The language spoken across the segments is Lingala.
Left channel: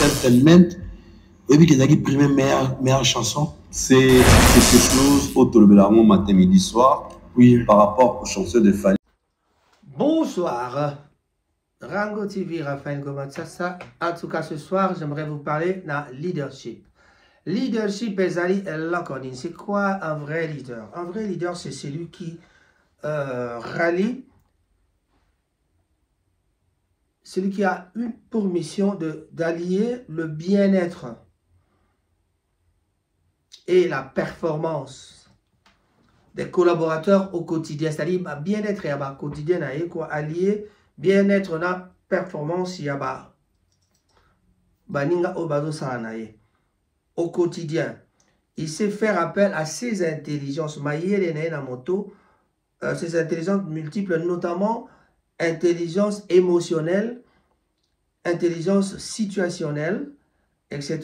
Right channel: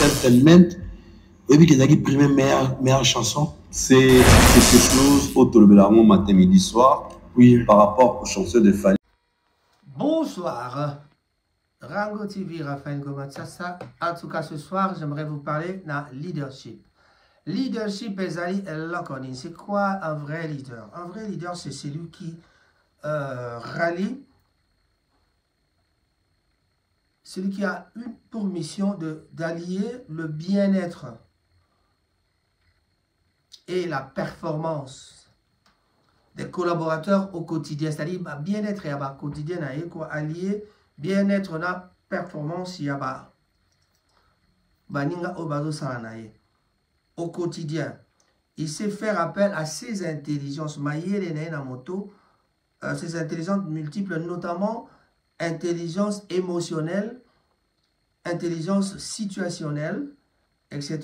Entertainment. Et puis qu'il a primé meilleure chanson. C'est quelque chose autour de la matin, midi, soir. Oui. Par rapport aux chansons de Fally. Bonsoir. Rango TV, Raphaël Gomatsassa. En tout cas, ce soir, j'aimerais vous parler de leadership. Leadership, c'est quoi un vrai leader? Un vrai leader, c'est celui qui rallie, celui qui a pour mission d'allier le bien-être et la performance des collaborateurs au quotidien. C'est-à-dire, bien-être et quotidien, allier bien-être na performance au quotidien. Il sait faire appel à ses intelligences. Ces intelligences multiples, notamment intelligence émotionnelle, intelligence situationnelle, etc.,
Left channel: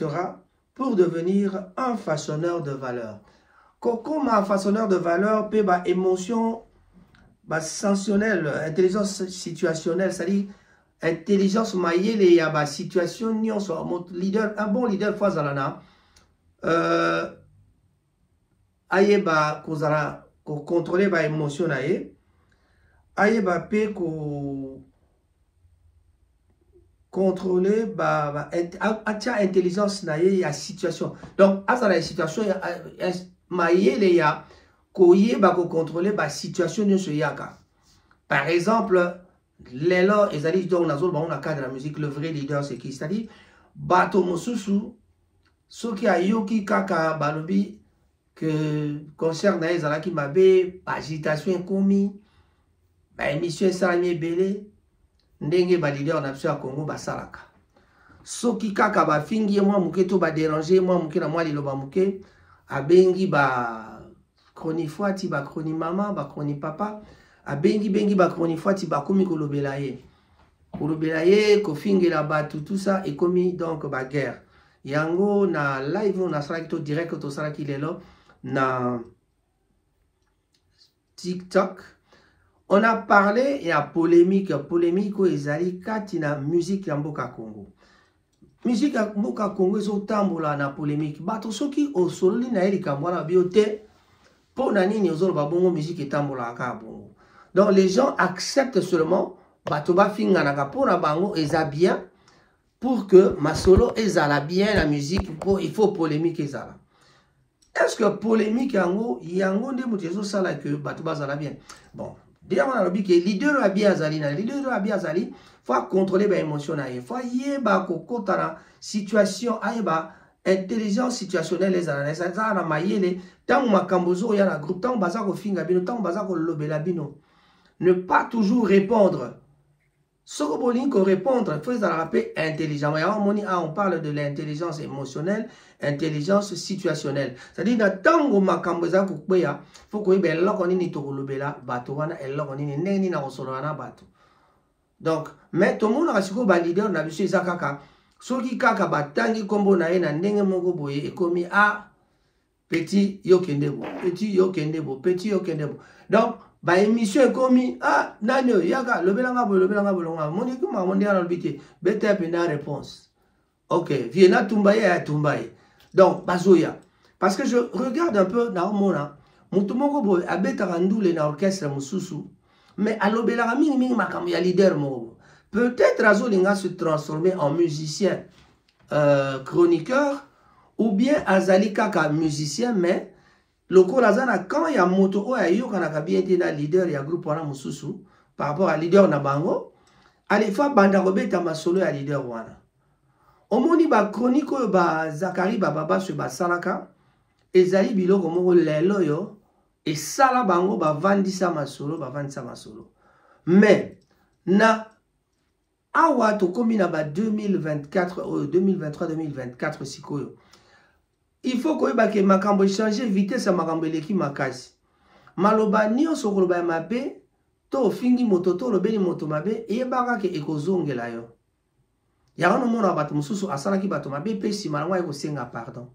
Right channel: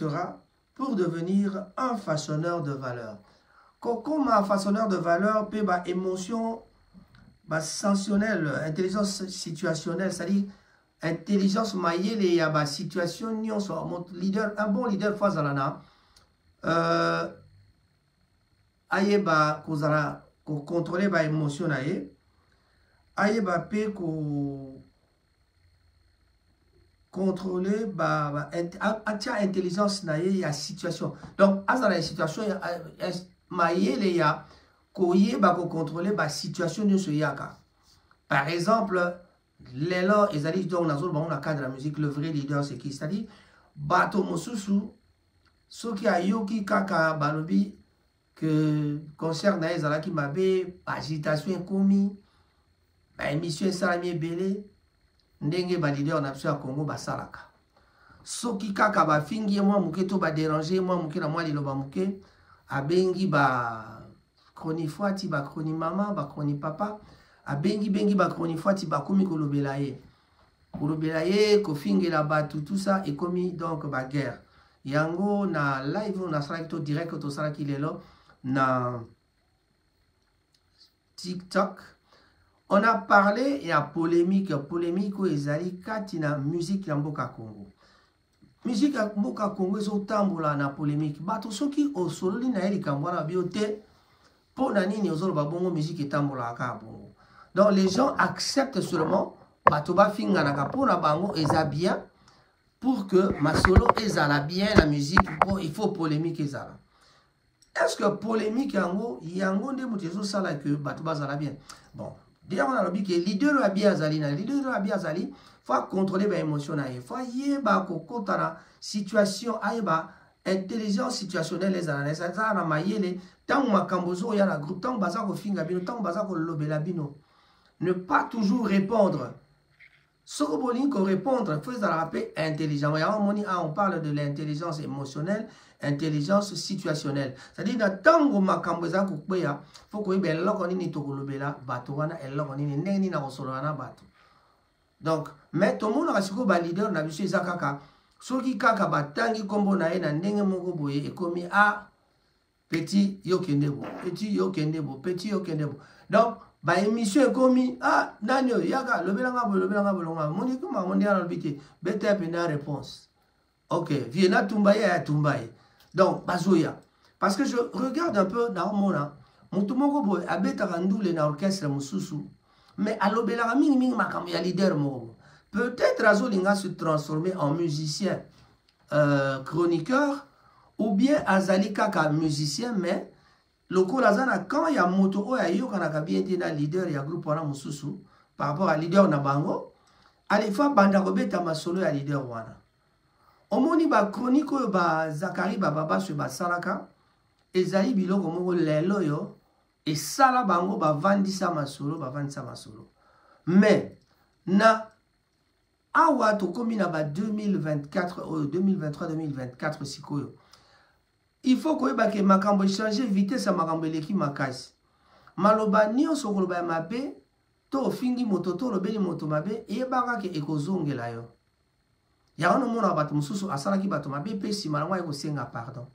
pour devenir un façonneur de valeur. Comme un façonneur de valeur, peut émotion sensationnelle, intelligence situationnelle, c'est-à-dire intelligence maillée, il y a situation, leader, un bon leader, Fazalana, aye contrôler l'émotion, aye contrôler intelligence naie ya situation. Donc à la situation maillé les ya koye contrôler la situation de ce yaka. Par exemple, l'élan ezali donc nazol ba on a cadre de la musique, le vrai leader c'est qui? C'est-à-dire bato mosusu ceux qui a yoki kaka balobi que concert na ezalaki mabe agitation komi ba émission salami belé ndenge ba leader na biso ya Congo basalaka soki kaka ba fingi moi muke to ba déranger moi muke na moi liloba muke abengi ba chroni fwati ba chroni mama ba chroni papa abengi ba chroni fwati ba komi kolobela ye ko fingela batu tout ça et komi donc ba guerre yango na live on a salaki to direct to salaki lelo na TikTok. On a parlé et à polémique où ezali kati na musique ya mboka Congo. Musique ya mboka Congo ezotambola na polémique. Bato soki osololi na elika mwana biote po na nini ozoloba bongo musique etambola ka bongo. Donc les gens acceptent seulement bato ba finga na ka na bango eza bien pour que ma solo ezala bien la musique il faut polémique ezala. Est-ce que polémique yango nde mutezo sala que bato bazala bien? Bon. Déjà, on a dit que le leader a bien azali, le leader a bien azali, faut contrôler les émotions, faut y avoir la situation, intelligence situationnelle les analyses, ça na maillé tant ma cambozo ya la groupe, tant baza ko finga bino, tant baza ko lobela bino. Ne pas toujours répondre. Ce que vous répondre, il faut la rappeler intelligent. On parle de l'intelligence émotionnelle, intelligence situationnelle. C'est-à-dire, dans tant que ma camboza il faut que ben là on ni to lobela bato wana et là on ni neni na kosolana bato. Donc, mais tout le monde a siko ba leader na biso ezakaka. Soki kaka batangi kombo na ye na ndenge moko boye ekomi a petit yokendebo, petit yokendebo, petit yokendebo. Donc ba émission ekomi ah nanyo yaka lobelanga bolonga moni kuma mondi ala lobike bete pena réponse. OK, viena tumbaye ya tumbaye. Donc bazoya parce que je regarde un peu na mona mutu moko boye abeta randule na orchestre mususu mais alobelanga mingi makambo ya leader moko. Peut-être azolinga se transformer en musicien chroniqueur ou bien azali kaka musicien mais loko lazana quand il y a moto o ya yo kanaka bien na leader ya groupe wana mususu par rapport à leader na bango alifa banda robeta masolo ya leader wana omoni ba chronique oyo ba Zakari baba se ba salaka ezali biloko moko lelo yo et sala bango ba vandisa masolo mais na awa to komi na ba 2024 2023 2024 sikoyo. Il faut que makambo changer vitesse à makambo leki makasi. Maloba nyonso koloba mabe to fingi moto to lobeli moto mabe e baka ke ekozongela yo. Ya ono mona bato mususu asalaki bato mabe pe si malangwa eko senga pardon.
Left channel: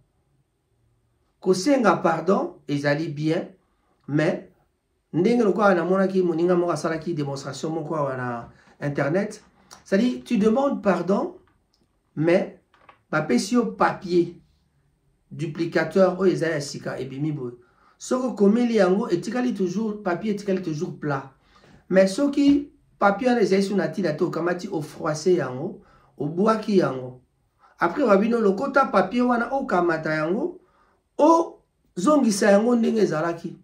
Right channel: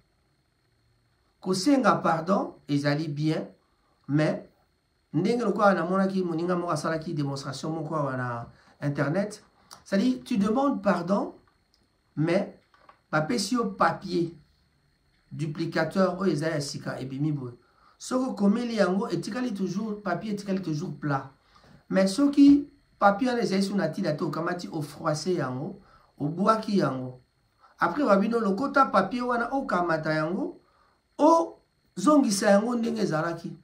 Ko senga pardon ezali bien mais ndenge lokwa na mona ki moninga moko asalaki démonstration moko na internet, c'est-à-dire tu demandes pardon mais bapesi yo papier duplicateur oyo eza ya sika ebimi boye soki okomeli yango etikali toujours papier etikali toujours plat mais soki papier wana ezali so na ntina te okamati ofroise yango obwaki yango après babino lokota papier wana okamata yango ozongisa yango ndenge ezalaki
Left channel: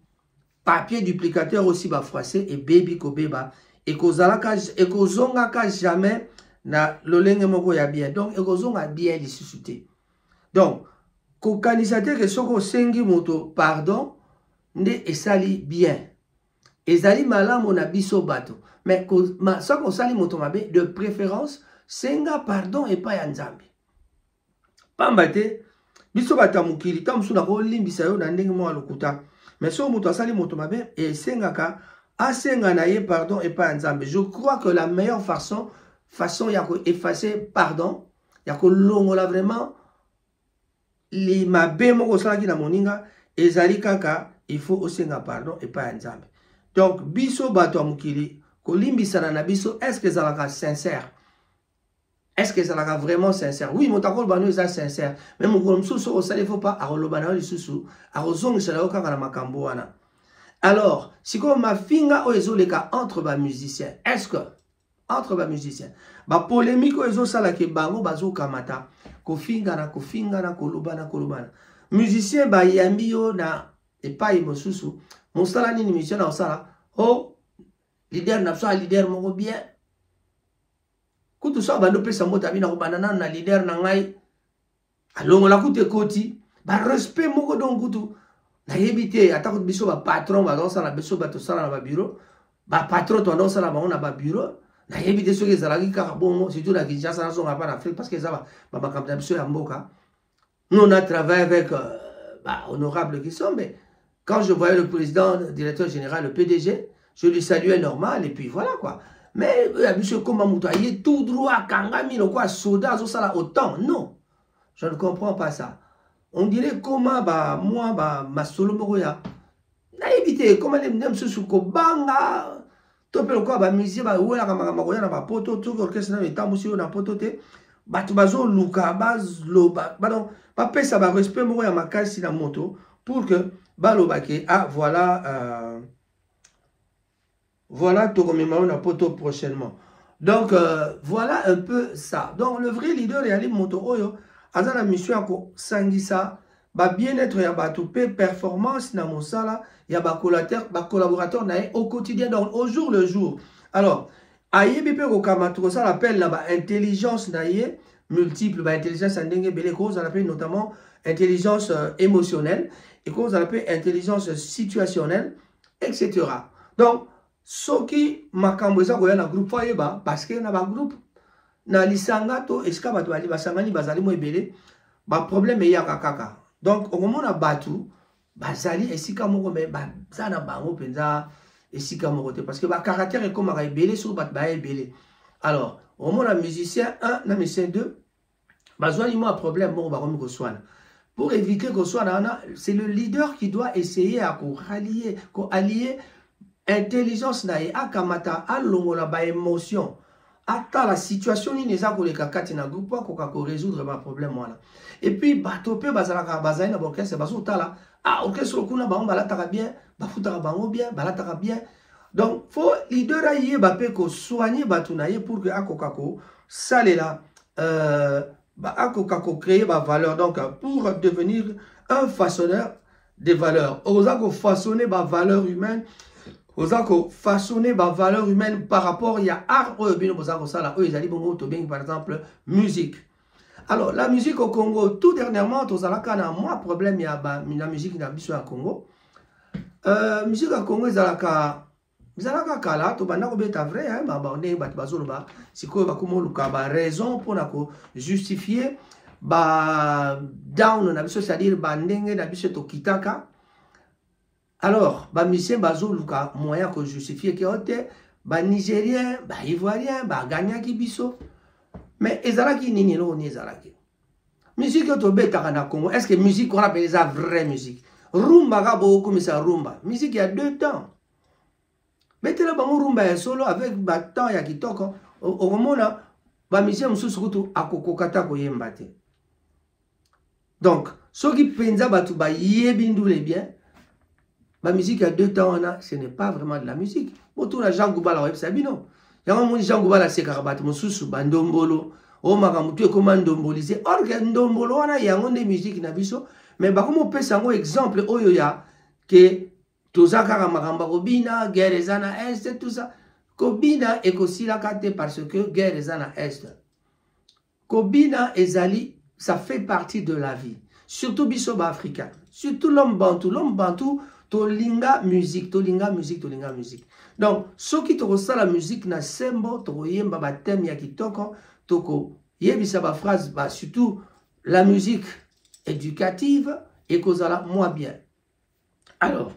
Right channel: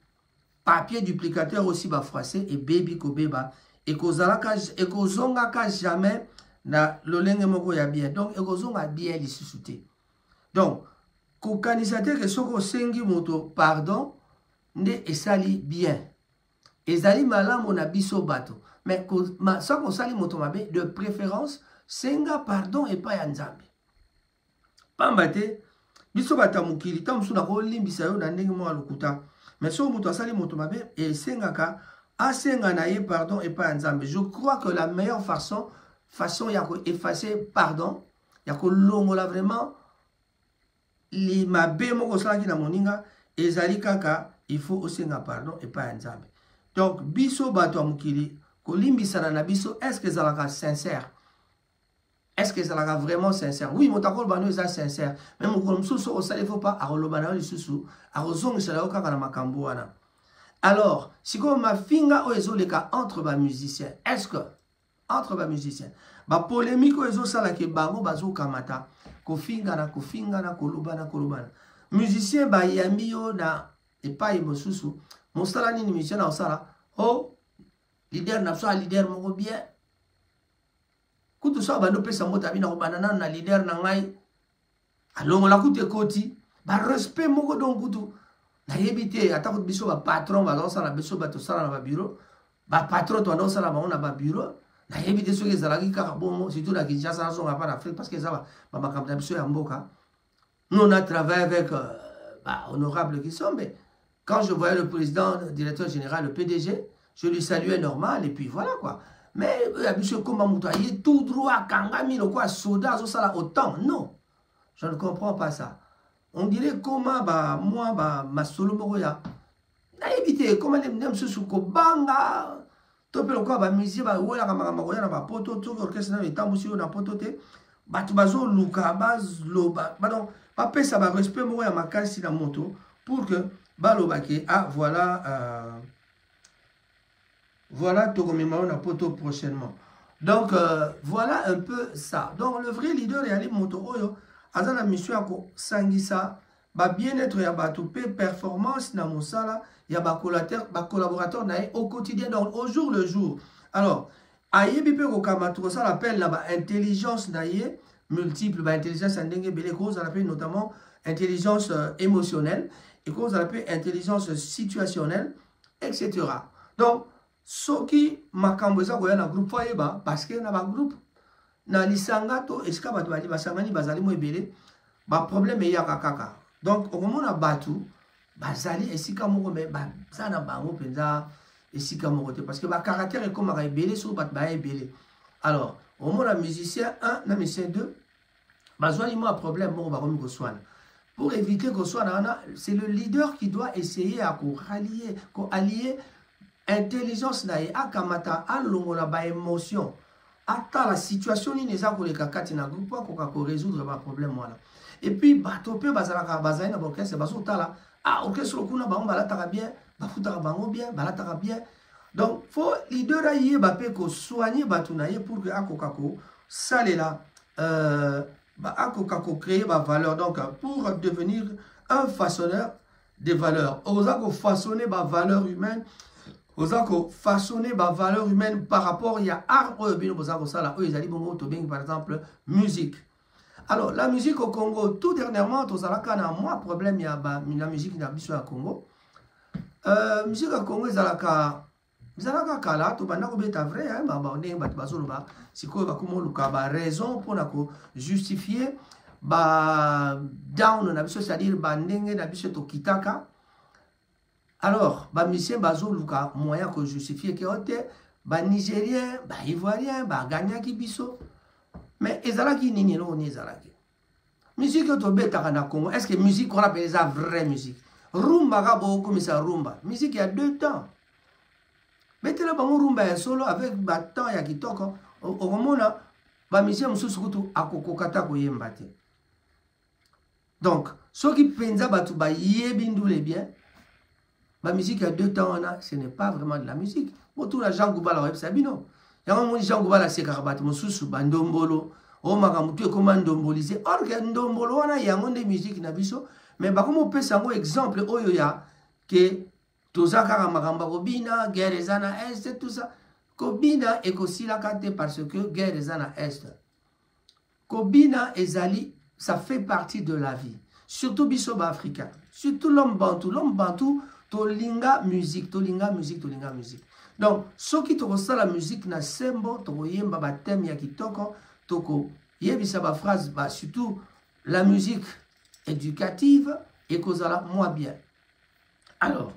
papier duplicateur aussi bafroise ebebi kobeba ekozongaka jamais na lolenge moko ya bien donc ekozonga bien lisusu te donc kokanisa te ke soki osengi moto pardon nde esali bien ezali malamu na biso bato mais soki osali moto mabe de préférence senga pardon epai ya nzambe pamba te biso bato ya mokili ta mosusu nakolimbisa yo na ndenge moko ya lokuta mais soki moto asali moto mabe esengaka asenga na ye pardon epai ya nzambe. Je crois que la meilleure façon ya koeffacer pardon ya kolongola vraiment li mabe moko osalaki na moninga ezali kaka il faut osenga pardon epai ya nzambe. Donc biso bato ya mokili kolimbisana na biso est-ce que ezalaka sincère? Est-ce que ezalaka vraiment sincère? Oui, moto akoloba no eza sincère mais mokolo mosusu osali faut pas akoloba na yo lisusu akozongisela yo kaka na makambo wana. Alors, si comme ma finga ezoleka entre ba musiciens, est-ce que entre ba musiciens, ba polémique ezosala ke bango bazokamata kofingana kolobana. Musicien ba yambi yo na epai mosusu, mosala nini musicien na osala, oh leader na so leader moko bien. Kutu so bando pesa mota bina ko banana na leader na ngai. Alongo la kutu ekoti, ba respect moko donc kutu. Na yebite atako biso ba patron ba dans la biso ba to sala na ba bureau ba patron to dans la ba on a ba bureau na yebite so ke zalaki ka bongo surtout na Kinshasa na so ngapa en Afrique parce que ça ba makamta biso ya mboka nous on a travaillé avec honorable qui sont mais quand je voyais le président le directeur général le PDG je lui saluais normal et puis voilà quoi mais biso comme mutaye tout droit kangami le quoi soda so sala autant non je ne comprends pas ça. On dirait comment moi ma solo moko ya na éviter comment les nem sous ko banga topelo quoi ba musique ba wela kama koya na ba poto tout orchestre na etambo si na poto te batu bazo luka bazlo ba donc ba pesa ba respect moko ya makasi na moto pour que baloba ke voilà to commémorer na poto prochainement. Donc voilà un peu ça. Donc le vrai leader est Ali moto oyo aza la mission ko sangisa ba bien-être ya bato pe performance na mosala ya ba collaborateur na au quotidien donc au jour le jour. Alors ayebi pe ko kamato ça l'appelle la ba intelligence na ye multiple ba intelligence ndenge bele ko ça l'appelle notamment intelligence émotionnelle et ko ça l'appelle intelligence situationnelle etc. Donc soki makambo eza ko ya na groupe fayeba parce que na ba groupe na lisanga to esika bato bali basangani bazali mo ebele ba problème ya kaka donc okomona batu bazali esika moko me bazana bango penza esika moko te parce que ba caractère comme ka ebele sur bato ba ebele. Alors okomona musicien 1 na musicien 2 bazwani mo problème moko ba komi ko swana pour éviter que swana c'est le leader qui doit essayer à allier intelligence na ye akamata alongola ba émotion ata la situation ni neza koleka kati na groupe ko résoudre ba problème voilà et puis bato pe bazalaka bazali na orchestre baso tala orchestre kuna bango balataka bien bafutaka bango bien balataka bien donc faut leader aye ba pe ko soigner bato na ye pour que akoka ko salela akoka ko créer ba valeur donc pour devenir un façonneur des valeurs oza ko façonner ba valeur humaine Ozako façonner ma valeur humaine par rapport à art par exemple musique. Alors la musique au Congo tout dernièrement moi problème il y a la musique na biso au Congo. Musique au Congo zalaka kala to banda ko beta vrai hein ba ndenge bat bazoloba siko ba komo luka ba raison pour nako justifier ba down na biso c'est-à-dire ba ndenge na biso to kitaka. Alors, ba musicien bazo luka moyen que justifier que ote ba nigérien, ba ivoirien, ba gagnaki biso. Mais ezalaki nini lo ni ezalaki. Musique to beta na Congo, est-ce que musique on appelle ça vraie musique? Rumba ga beaucoup mais ça rumba. Musique il y a 2 temps. Betela bango rumba ya solo avec ba temps ya kitoko. Okomona ba musicien mususu kutu akokokata ko yemba te. Donc, ce qui pensa batu ba yebindule bien, la musique à 2 temps, ce n'est pas vraiment de la musique. Autour de Jean Goubala, web sabino. Y'a un Jean Goubala, c'est karabat, mon sous bandombolo. Oh, makamutu est comme ndombolisé. Or, que ndombolo, on a y a un des musiques nabiso. Mais bah, comme on peut s'en exemple, oyoya, que tozakara makamba kobina, guerre zana est, tout ça. Kobina est aussi la carte parce que guerre zana est. Kobina et Zali, ça fait partie de la vie. Surtout bisoba africain. Surtout l'homme bantou. L'homme bantou, tolinga musique, tolinga musique, tolinga musique. Donc, ceux qui te reçoivent la musique, na sembo, to yemba ba thème ya kitoko, toko yebisa ba phrase, ba surtout la musique éducative et kozala moins bien. Alors,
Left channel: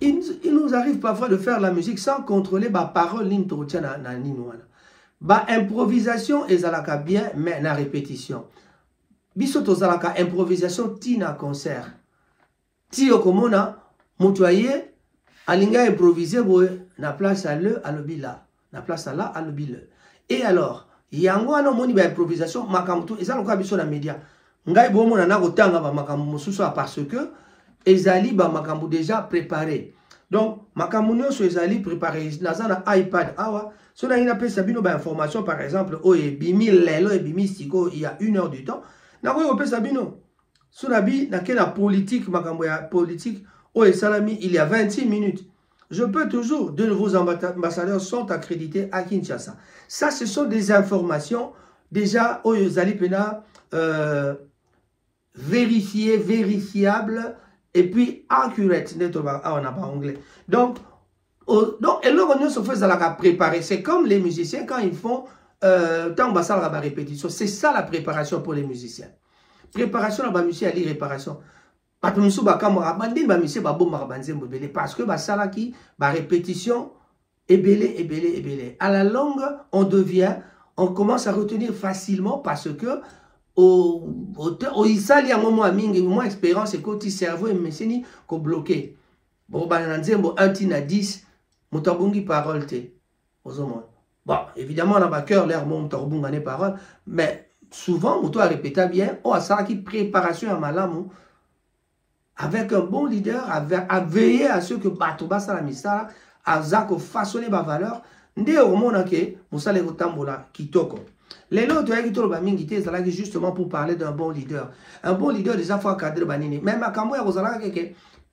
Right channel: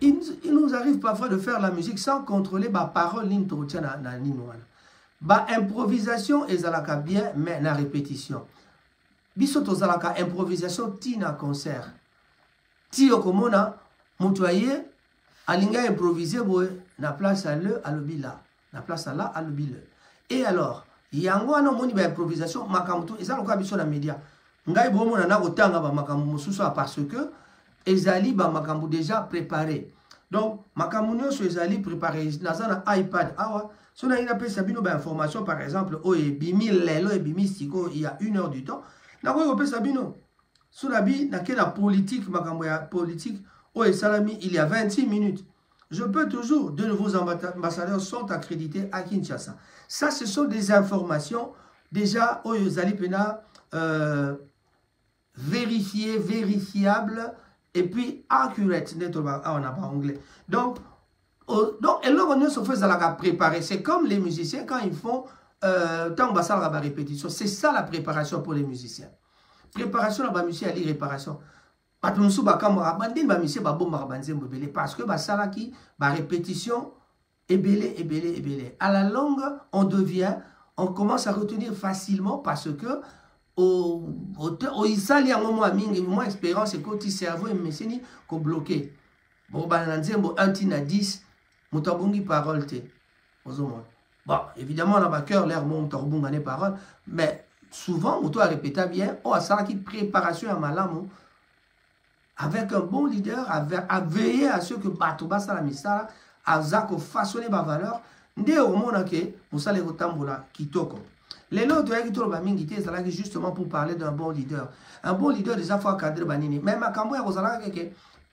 il nous arrive parfois de faire la musique sans contrôler ba parole ligne to tient na ninouana. Ba improvisation ezalaka bien mais na répétition. Biso to zalaka improvisation tina concert. Ti okomona mutuaye alinga improviser boye na place à le à l'obila, na place à là à l'obila. Et alors, yango ana moni ba improvisation makamto ezaloka biso na média. Ngai bomo na kotanga ba makambo mosusu parce que ezali ba makambo déjà préparé. Donc makambo nyonso ezali préparé na iPad awa. Si on a une information, par exemple, oh, et bimi lelo et bimi siko, il y a 1 heure du temps. Na quoi on sabino? Si on a bi na la politique, politique, oh et salami, il y a 26 minutes. Je peux toujours, de nouveaux ambassadeurs sont accrédités à Kinshasa. Ça, ce sont des informations déjà, oh, Zalipena, vérifiées, vérifiables, et puis accurate. On n'a pas anglais. Donc, et là, on se fait la préparer. C'est comme les musiciens quand ils font tant de répétition. C'est ça la préparation pour les musiciens. Préparation, la musicien à réparation. Parce que ça qui répétition est belé, est belé, est belé. À la longue, on commence à retenir facilement parce que il s'allie à un moment moins expérience et quand il cerveau et mécanique qu'on bloqué. Bon, un tina 10. Moutabungi parole te. Bon, évidemment, on a cœur l'air mon torbungane parole, mais souvent, moutou a répété bien, oh, ça qui préparation à malamou, avec un bon leader, à veiller à ce que Batoba Salamisa, à Zako façonner ma valeur, ndé au monde que Moussa le Tambola Kitoko. Les lots de Hegito Bamingité, c'est justement pour parler d'un bon leader. Un bon leader, déjà, faut cadrer Banini. Même à Kambo, il y a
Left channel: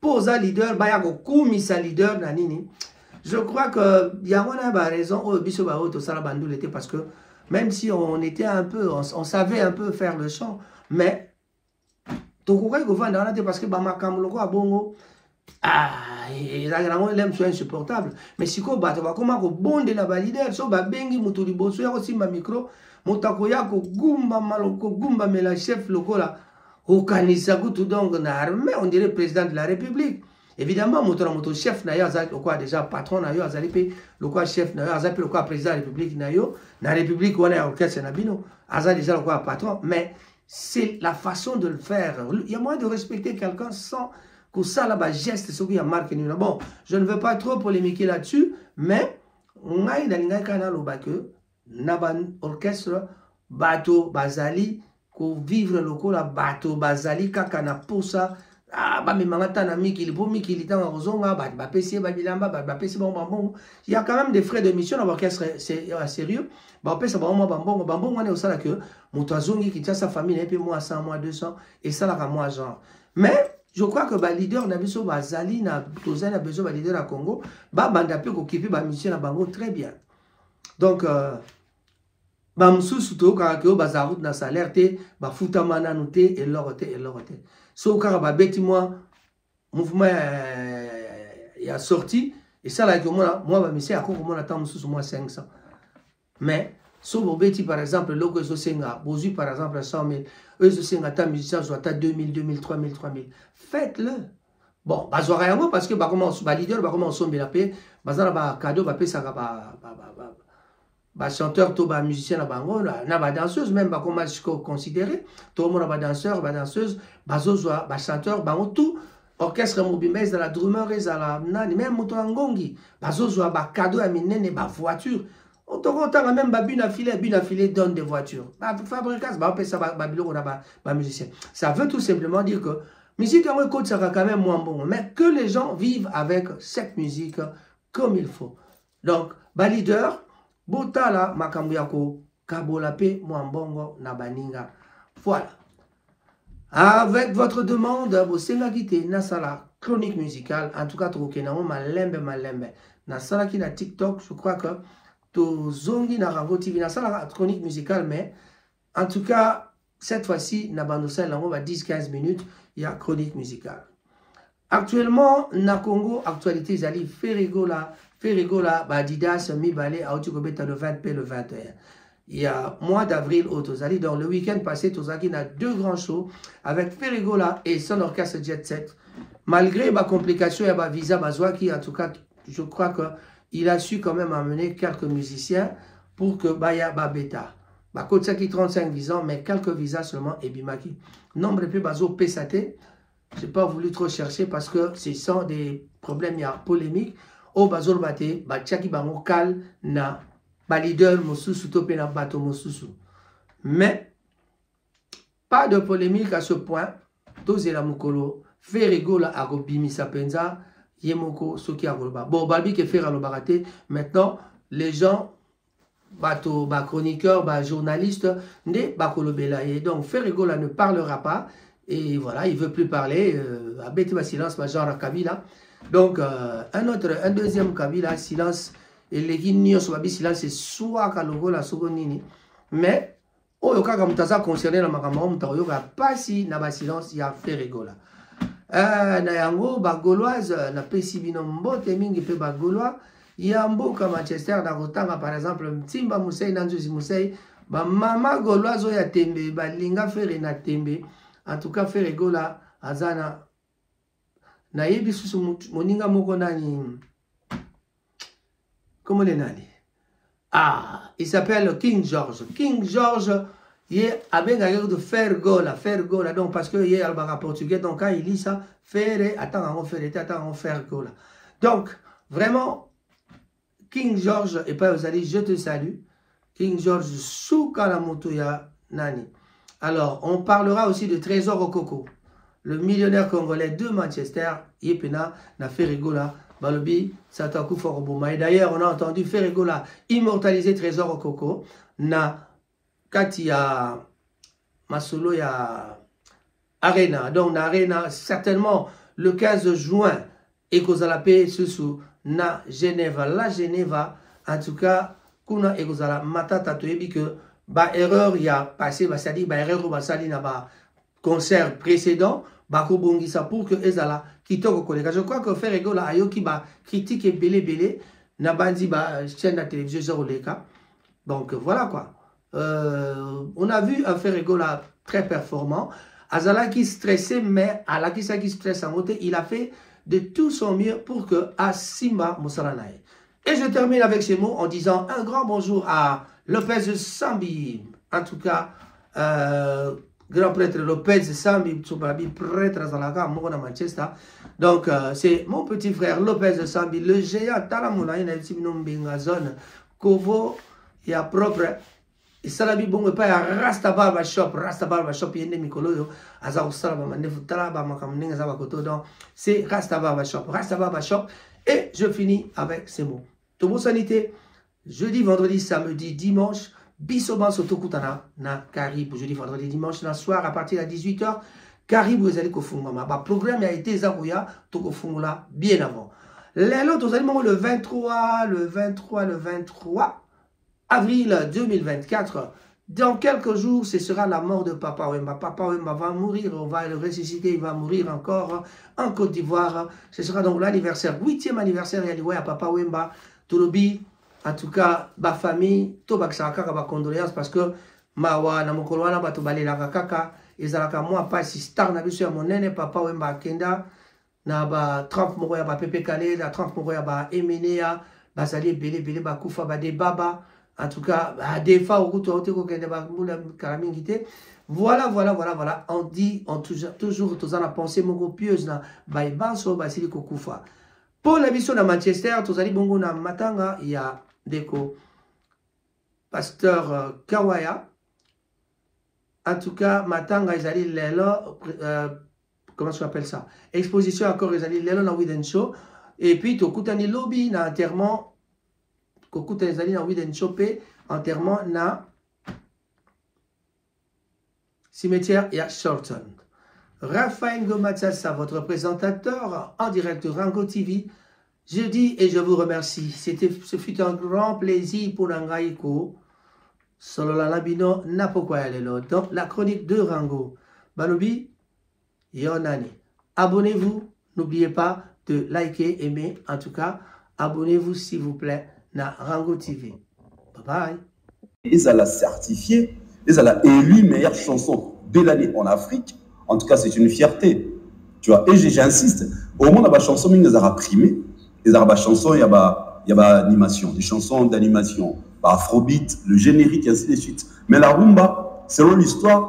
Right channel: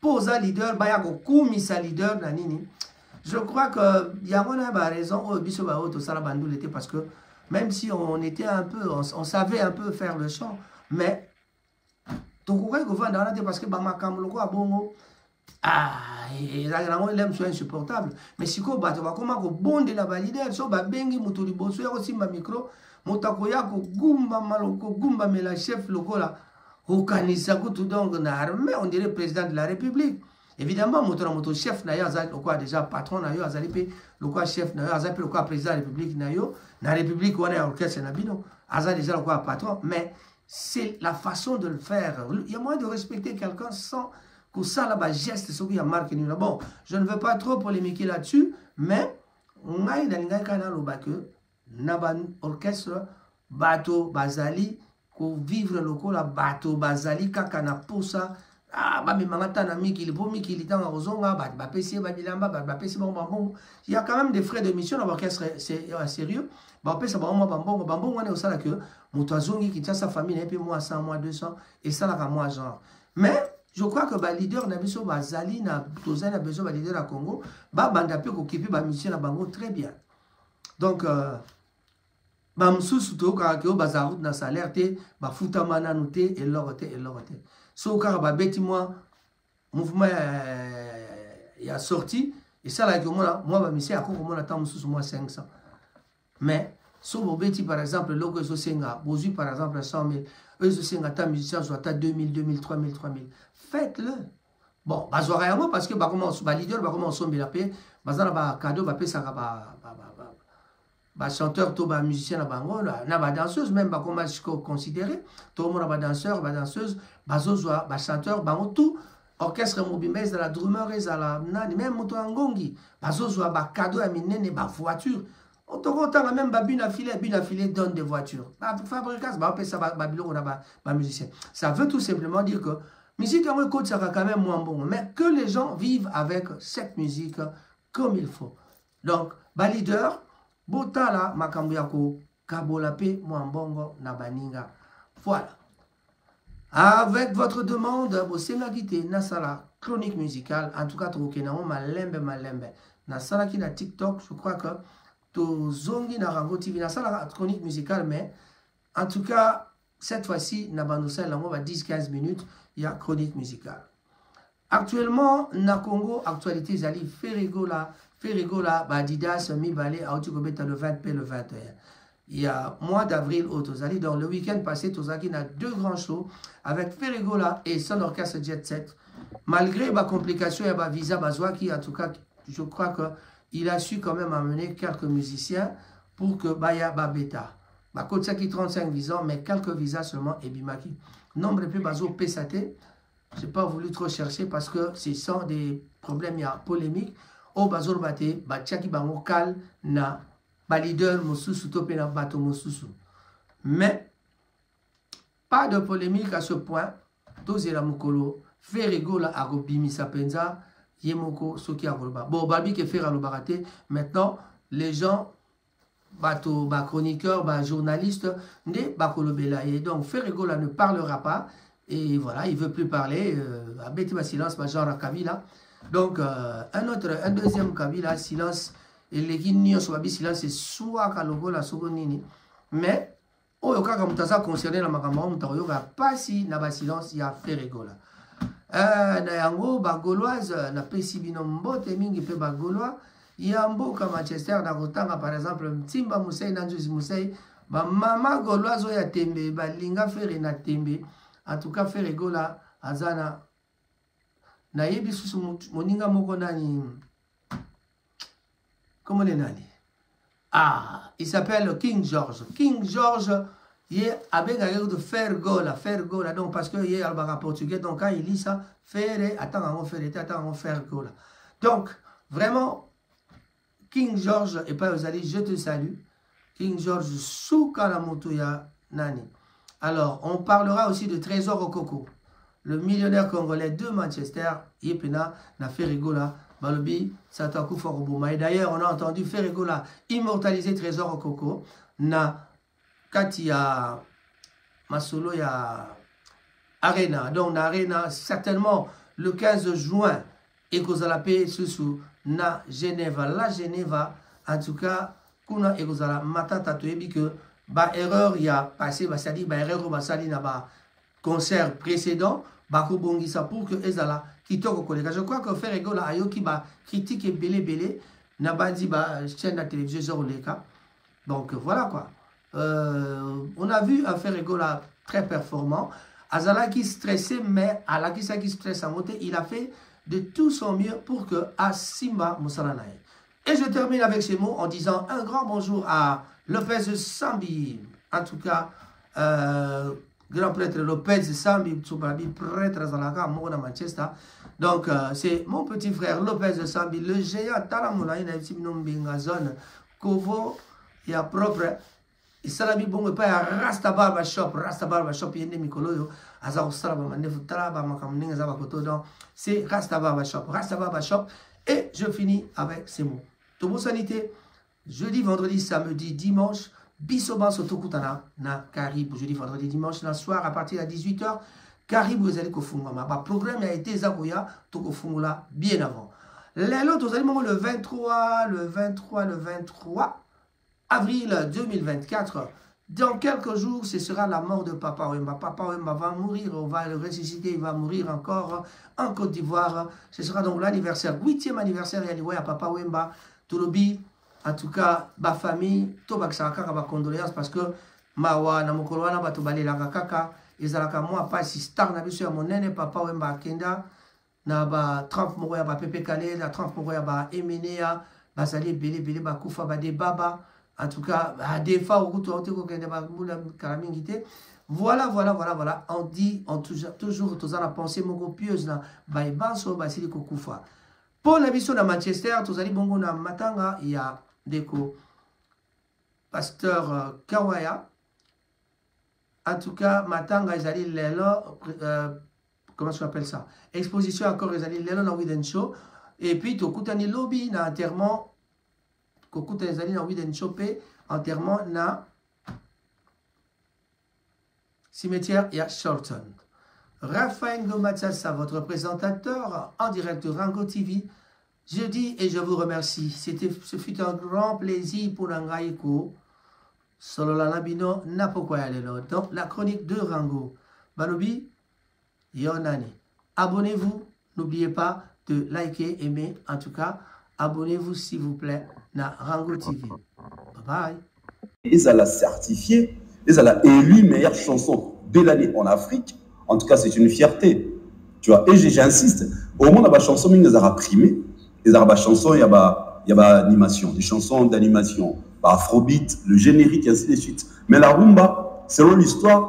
posa leader, Bayako Koumisa leader, Nanini. Je crois que Yawana a raison, parce que même si on était un peu, on savait un peu faire le chant, mais parce que l'aime soit insupportable. Mais si on va comment bonde la leader, so ba bengi mutuli boso ya aussi ma micro, motakoya ko gumba maloko gumba mais la chef lokola au kanisa tout donc na armée, on dirait président de la République. Évidemment, mon chef n'a pas déjà patron n'a le quoi chef n'a le quoi président de la République n'a la République on a orchestre n'a bino, déjà le quoi patron, mais c'est la façon de le faire. Il y a moyen de respecter quelqu'un sans que ça là-bas geste ce qui a marqué. Bon, je ne veux pas trop polémiquer là-dessus, mais on a une canal au bac naban orchestre bateau bazali ko vivre local la bateau bazali kakana pour ça. Ah, bah, mais maintenant, il y a quand même des frais de mission dans l'orchestre, c'est sérieux. Bah, on peut savoir, on est au salaire que mon toazongi qui tient sa famille, et puis moi 100, moi 200, et ça là, moi genre. Mais je crois que le leader n'a besoin de Zali, n'a besoin de leader à Congo, bah, bandapé qui occupe la mission à Bango très bien. Donc, bah, m'sous tout, car que bazarout na salaire, bah, foutamana noté, et l'oroté, et l'oroté. So car beti moi mouvement il a sorti et ça là que moi monsieur à comment on attend sous moi 500 mais so beti par exemple logo so senga bozu par exemple 100 000 eux so senga ta musicien soit à 2000 2000 3000 3000 faites-le bon bazora yango parce que ba comment ba leader ba comment sombe la paix bazana ba cadeau ba pesa ba chanteur to ba musicien na bango na ba danseuse même ba comment considérer tout le monde ba danseur ba danseuse ba zozoa ba chanteur bango tout orchestre mobimez dans la drummer et la nani même moto ngongi ba zozoa ba cadeau à minene ba voiture Otokotanga même babina filé donne des voitures. Fabricas, musicien. Ça veut tout simplement dire que musique en écoute ça va quand même moins bon, mais que les gens vivent avec cette musique comme il faut. Donc, leader, botala makambuyako kabolape mwambongo na baninga. Voilà. Avec votre demande, bosenga kite nasala chronique musicale. En tout cas, trokenao malembe. Nasala ki na TikTok, je crois que Zongi na Rango TV, na sala chronique musicale, mais en tout cas, cette fois-ci, na bandosel, on va 10-15 minutes, il y a chronique musicale. Actuellement, na Congo, actualité, Zali, Ferrigola, Badidas, Mibale, Aotukobeta le 20p, le 21. Il y a mois d'avril au Tozali, dans le week-end passé, Tozaki a 2 grands shows avec Ferrigola et son orchestre Jet Set. Malgré ma complication et ma visa, Bazwaki, en tout cas, je crois que il a su quand même amener quelques musiciens pour que Baya Babeta. Kotsaki 35 visas, mais quelques visas seulement et Bimaki. Nombre plus bazo Pesate. Je n'ai pas voulu trop chercher parce que ce sont des problèmes, il y a polémique. Au bazo bate, Bachaki bango kal na leader mosusu tope na bato mosusu. Mais pas de polémique à ce point. Tozela mukolo, Ferrigola agobimi sapenza. Yemoko soki agolba. Bon, Balbi qui fait le baraté. Maintenant, les gens, bateau, chroniqueurs, journalistes, ne bakolobela. Et donc, Ferrigola ne parlera pas. Et voilà, il ne veut plus parler. Abeti ma silence, ma genre Kabila. Donc, un deuxième Kabila, silence. Et les guignols sur Babi silence, c'est soit Kalogola, Sogonini. Mais, Oyoka Kamutaza concerné la Makamao, Mutaoyoka, pas si n'a silence, il y a Ferrigola. Na yango bagoloise na pesi bino mbote mingi pe bagolois ya mboka Manchester na kotanga par exemple Mtimba Musei na Njozi Musei ba mama goloise ya tembe ba linga fere na tembe en tout cas Ferrigola azana na yebi susu moninga moko nani comment le nani il s'appelle King George il est avec de Ferrigola, donc parce que il est en portugais, donc quand il lit ça, Ferrigola. Donc, vraiment, King George, et pas Ozali, je te salue. King George, Soukalamoto ya Nani. Alors, on parlera aussi de Trésor Okoko, le millionnaire congolais de Manchester, Yepena, na Ferrigola, Balobi, Sataku Foroboma. Et d'ailleurs, on a entendu Ferrigola immortaliser Trésor Okoko, na Katia Masolo ya Arena. Donc, na Arena, certainement le 15 juin, et Kozala Pe Susu na Genève. La Genève, en tout cas, Kuna et Kozala Matata Toebi que ba erreur y a passé, c'est-à-dire ba erreur ou ba sali na ba concert précédent, ba Kobongisa pour que Ezala kitoko kolega. Je crois que Ferrigola ayoki ba critique et belé na bandi ba chaîne de télévision Oleka. Donc voilà quoi. On a vu un Ferrigola très performant. Azala qui stressait, mais à la qui stresse en côté, il a fait de tout son mieux pour que Asima Moussalanaï. Et je termine avec ces mots en disant un grand bonjour à Lopez Sambi. En tout cas, grand prêtre Lopez Sambi, prêtre à Manchester. Donc, c'est mon petit frère Lopez Sambi, le géant Talamoulaï, zone Kovo, et à propre. Et salabi bongo pa Rasta Barber Shop yende mikolo aza usala ba mandefu talaba makamninga za bakoto donc c'est Rasta Barber Shop et je finis avec ces mots. Tobo sanité jeudi, vendredi, samedi, dimanche bisoban sotokutana na Caribou jeudi, vendredi, dimanche na soir à partir de 18h Caribou ezali kofungama ba programme a été zakuya tokofungula bien avant. Lelo tozali mo le 23 avril 2024, dans quelques jours, ce sera la mort de Papa Wemba. Papa Wemba va mourir, on va le ressusciter, il va mourir encore en Côte d'Ivoire. Ce sera donc l'anniversaire, 8e anniversaire à Papa Wemba. Tolobi, en tout cas, ma famille, Tobaksa ma condoléances parce que Mawa, Namokolwana, Batobale, la Kaka, et Zalaka, moi, pas si star, n'a vu mon nene, Papa Wemba Kenda, na ba 30 Moroya, ba Pepe Kale, na 30 Moroya, ba Emenea, Basali, Bele, Bakoufa, ba de Baba. En tout cas, des fois, voilà. On dit, toujours, tous en a pensé, mon pieuse, na, Baibanso, Basili Kokufa. Pour la mission de Manchester, tous allez bongo na Matanga, il y a Deko, pasteur Kawaya. En tout cas, Matanga Ezali Lelo, comment on appelle ça? Exposition encore Ezali Lelo na Widen Show. Et puis, Tokutani Lobby na enterrement. Kokutani Ezali na Widen Show pe enterrement na cimetière et à Shorton. Raphaël Gomatsassa, votre présentateur en direct de Rango TV. Je dis et je vous remercie. Ce fut un grand plaisir pour Nangaïko. Solo la labino napokwayalelo. Donc la chronique de Rango. Balobi, Yonani. Abonnez-vous. N'oubliez pas de liker, aimer. En tout cas, abonnez-vous s'il vous plaît na Rango TV. Bye bye. Ils ont certifié, ils ont élu meilleure chanson de l'année en Afrique. En tout cas, c'est une fierté. Tu vois, et j'insiste. Au moins, la chanson, ils ont primé. Ils ont chanson, il y a animation, des chansons d'animation, afrobeat, le générique, et ainsi de suite. Mais la rumba, selon l'histoire,